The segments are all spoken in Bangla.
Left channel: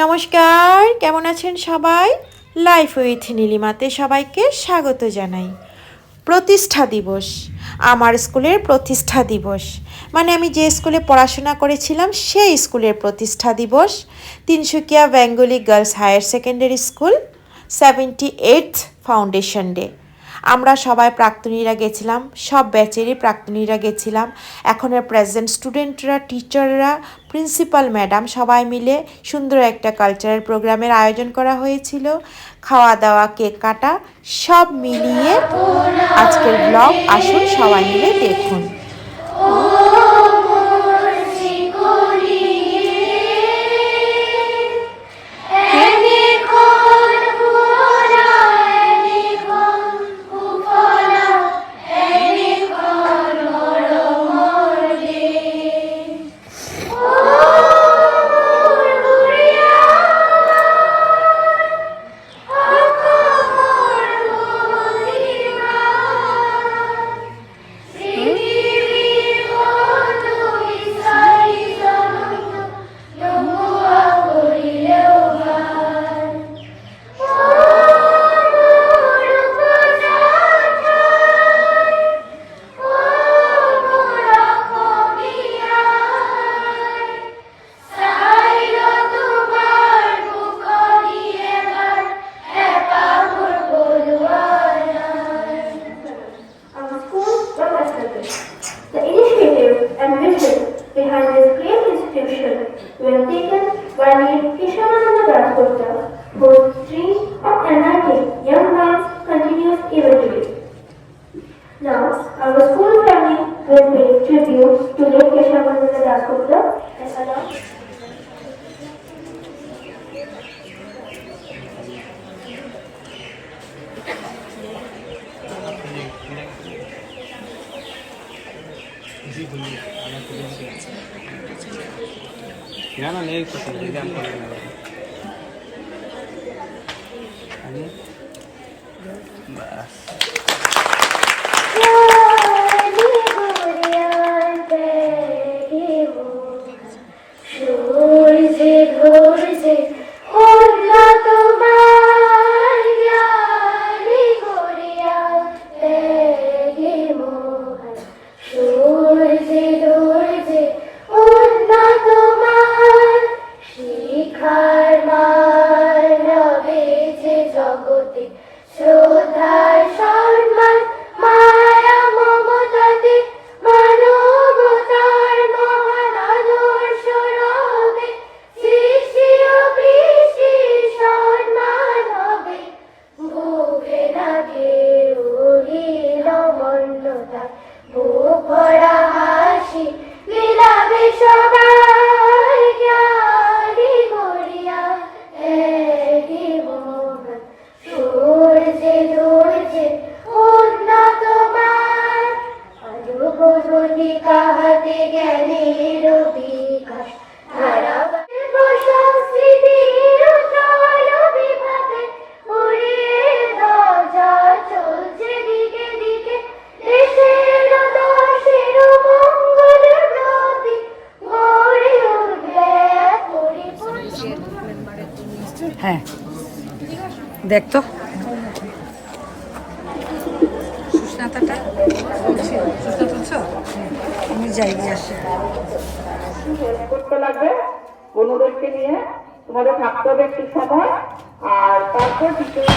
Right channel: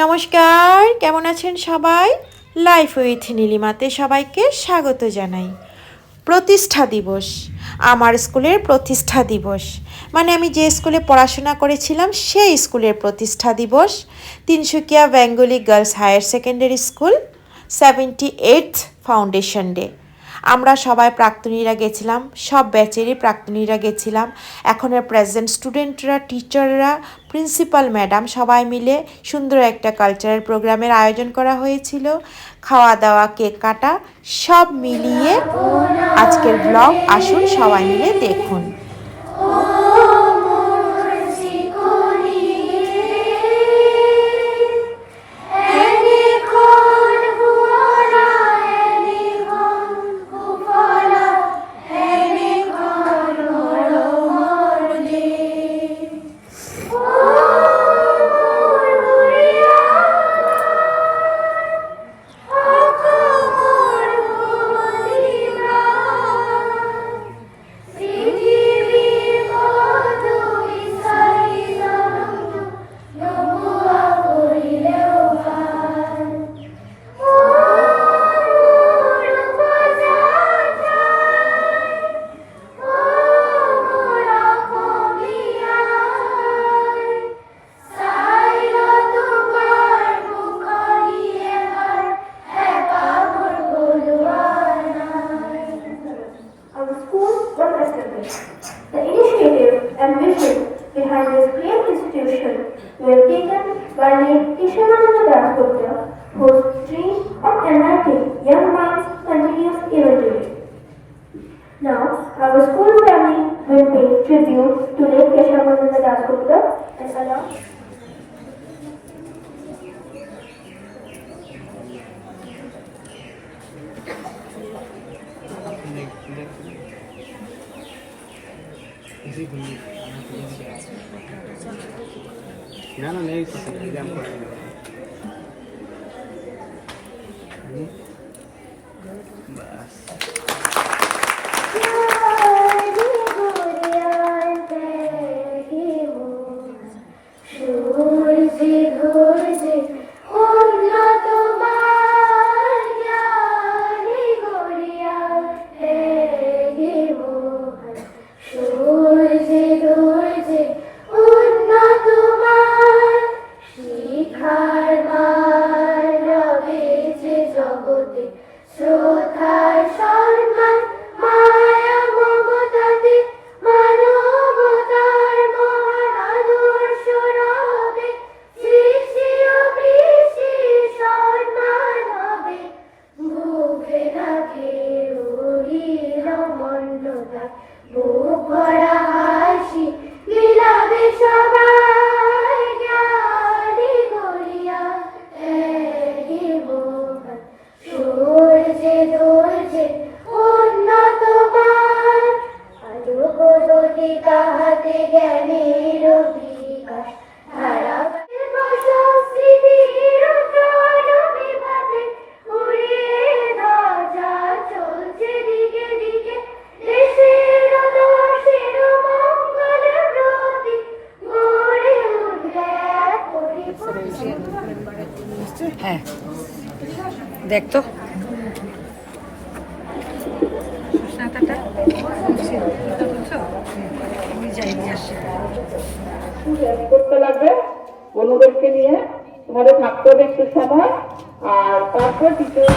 নমস্কার, কেমন আছেন সবাই? লাইফ উইথ নীলিমাতে সবাইকে স্বাগত জানাই। প্রতিষ্ঠা দিবস, আমার স্কুলের প্রতিষ্ঠা দিবস, মানে আমি যে স্কুলে পড়াশোনা করেছিলাম সেই স্কুলের প্রতিষ্ঠা দিবস। Tinsukia Bengali girls higher secondary school 78th foundation day. আমরা সবাই প্রাক্তনীরা গেছিলাম, সব ব্যাচেরই প্রাক্তনীরা গেছিলাম। এখনের প্রেজেন্ট স্টুডেন্টরা, টিচাররা, প্রিন্সিপাল ম্যাডাম সবাই মিলে সুন্দর একটা কালচারাল প্রোগ্রামের আয়োজন করা হয়েছিল। খাওয়া দাওয়া, কেক কাটা, সব মিলিয়ে আজকের ব্লগ আসুন সবাই মিলে দেখুন। Were taken by the Keshavananda Das Gupta, whose dream of enlightening young minds continues even today. Now, our school family will pay tribute to late Keshavananda Das Gupta and allow না না নেই কিছু হ্যাঁ দেখ তো সুস্নাতাটা আমি যাই করতে লাগবে বন্ধুদেরকে নিয়ে, তোমাদের থাকতে হবে একটু সময়, আর তারপর টিচারদের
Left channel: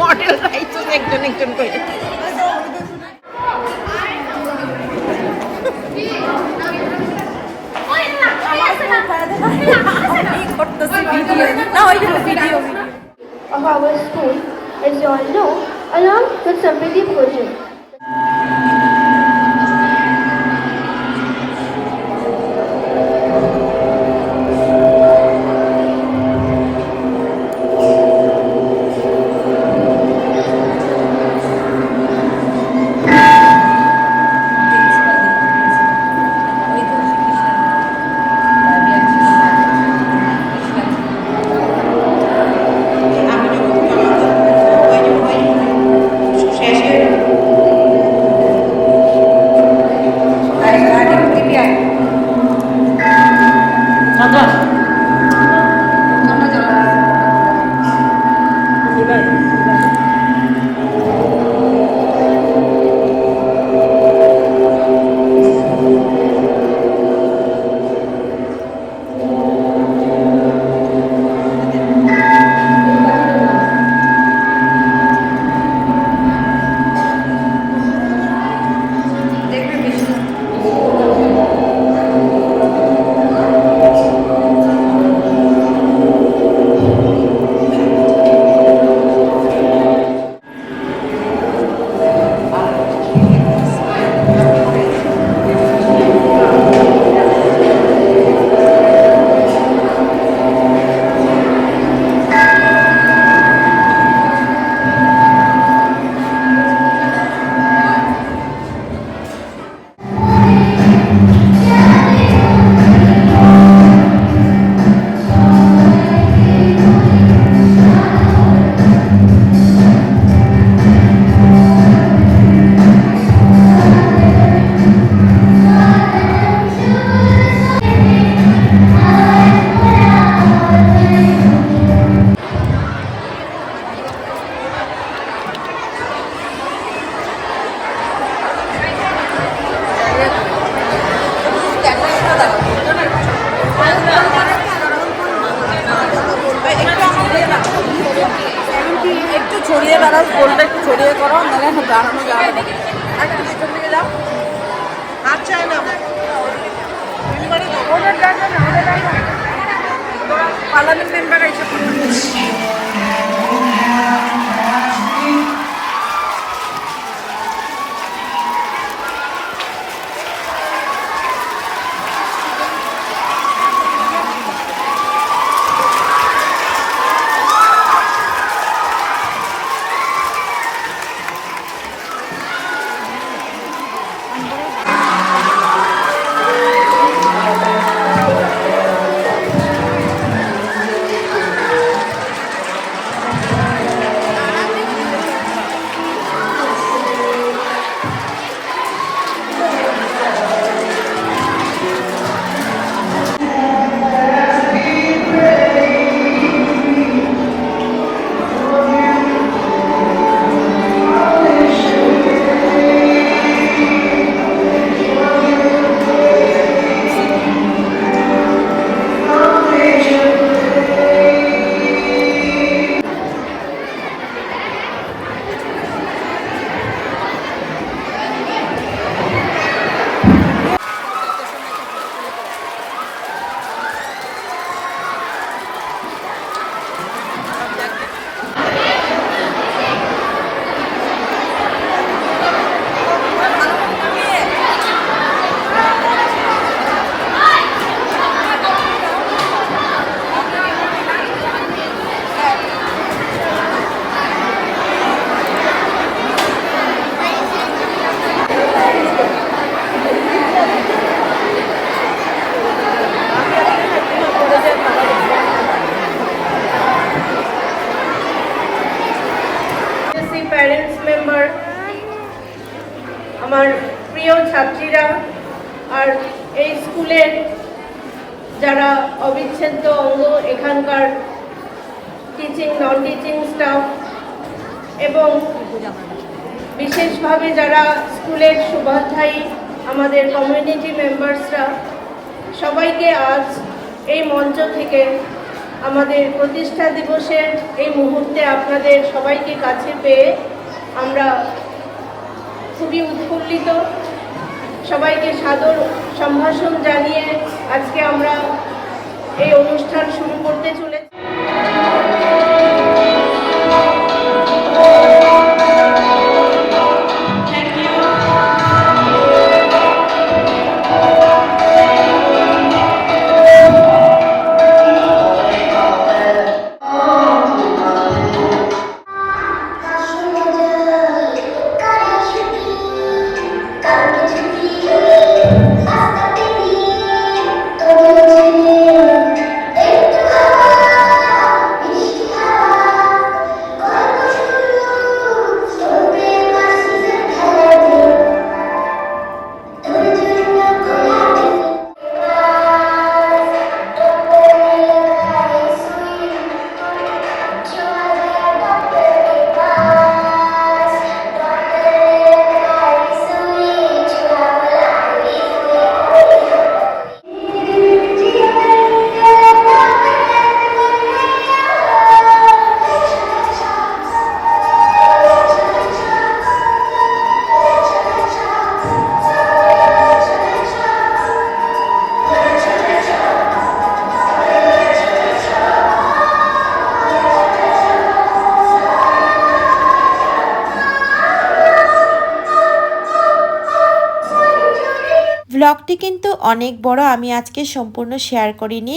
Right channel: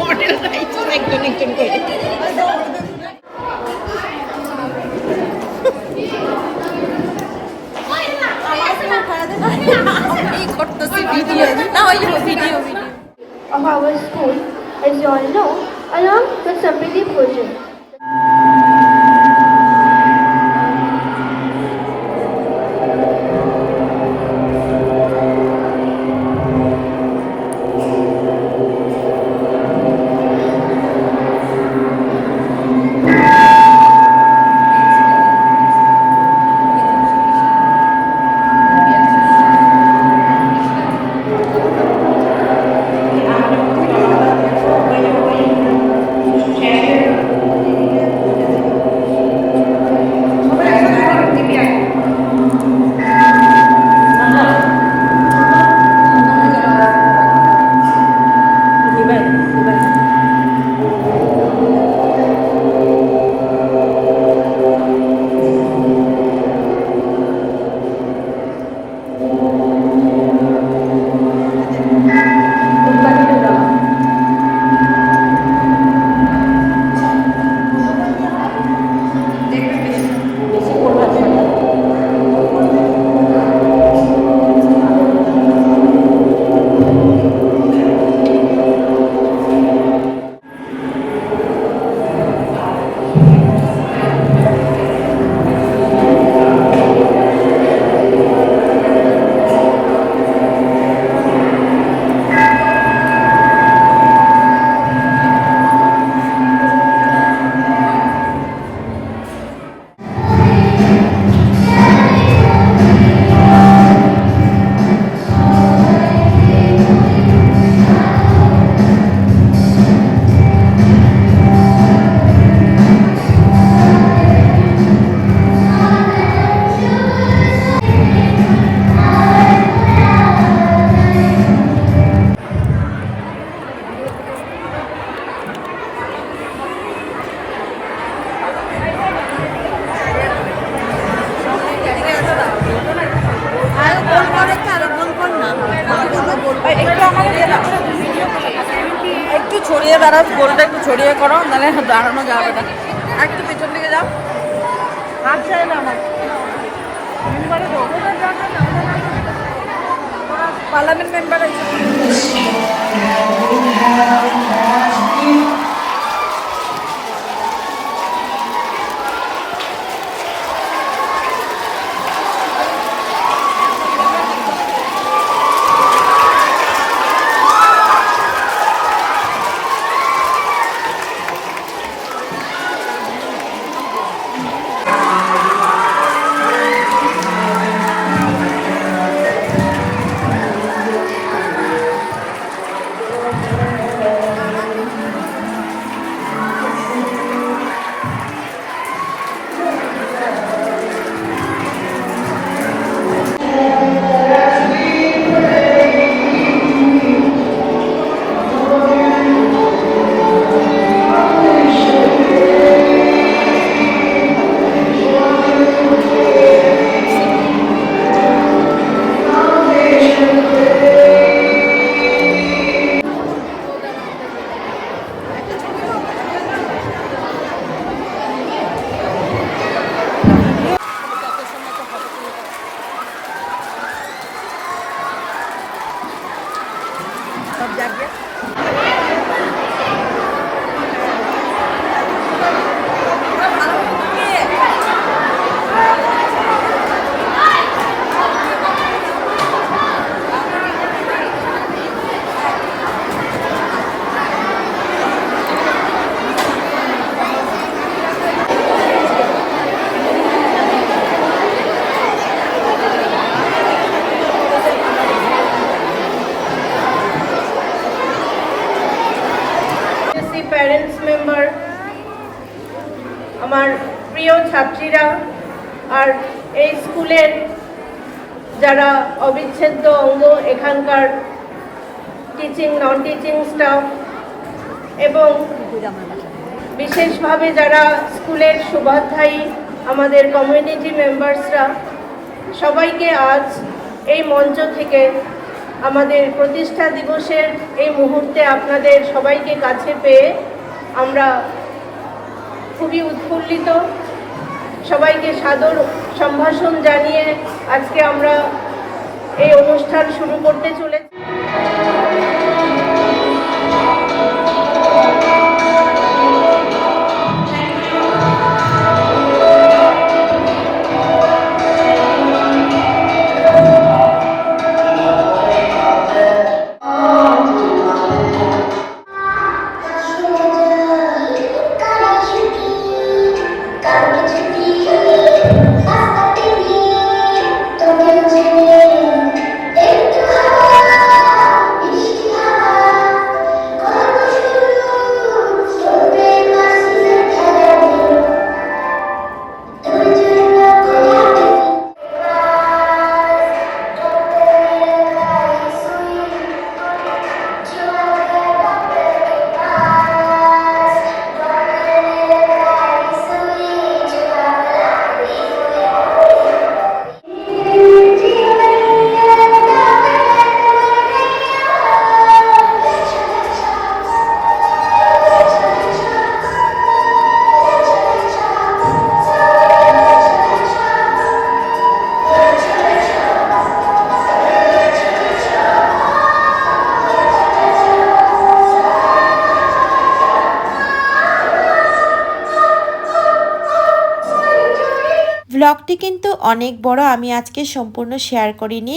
মডেল রাইতো একজন একজন করে। of our school, as you all know, along with Sampriti Bhojan. Parliament member আছে প্যারেন্টস মেম্বার, আমার প্রিয় ছাত্রীরা আর এই স্কুলের যারা অবিচ্ছেদ্য অঙ্গ, এখানকার টিচিং নন টিচিং স্টাফ এবং বিশেষভাবে যারা স্কুলের শুভাধ্যায়ী আমাদের কমিউনিটি মেম্বার্সরা, সবাইকে আজ এই মঞ্চ থেকে আমাদের প্রতিষ্ঠা দিবসের এই মুহূর্তে আপনাদের সবাইকে কাছে পেয়ে আমরা খুবই উৎফুল্লিত। সবাইকে সাদর সম্ভাষণ জানিয়ে আজকে আমরা এই অনুষ্ঠান শুরু করতে চলেছি। ব্লগটি কিন্তু অনেক বড়, আমি আজকে সম্পূর্ণ শেয়ার করিনি,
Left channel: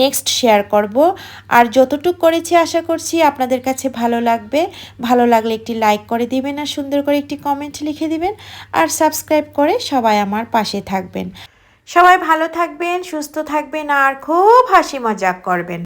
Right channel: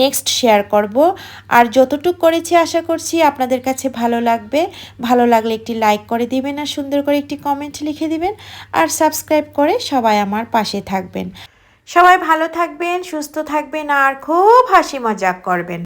নেক্সট শেয়ার করব। আর যতটুকু করেছি আশা করছি আপনাদের কাছে ভালো লাগবে। ভালো লাগলে একটি লাইক করে দিবেন আর সুন্দর করে একটি কমেন্ট লিখে দিবেন আর সাবস্ক্রাইব করে সবাই আমার পাশে থাকবেন। সবাই ভালো থাকবেন, সুস্থ থাকবেন আর খুব হাসি মজাক করবেন।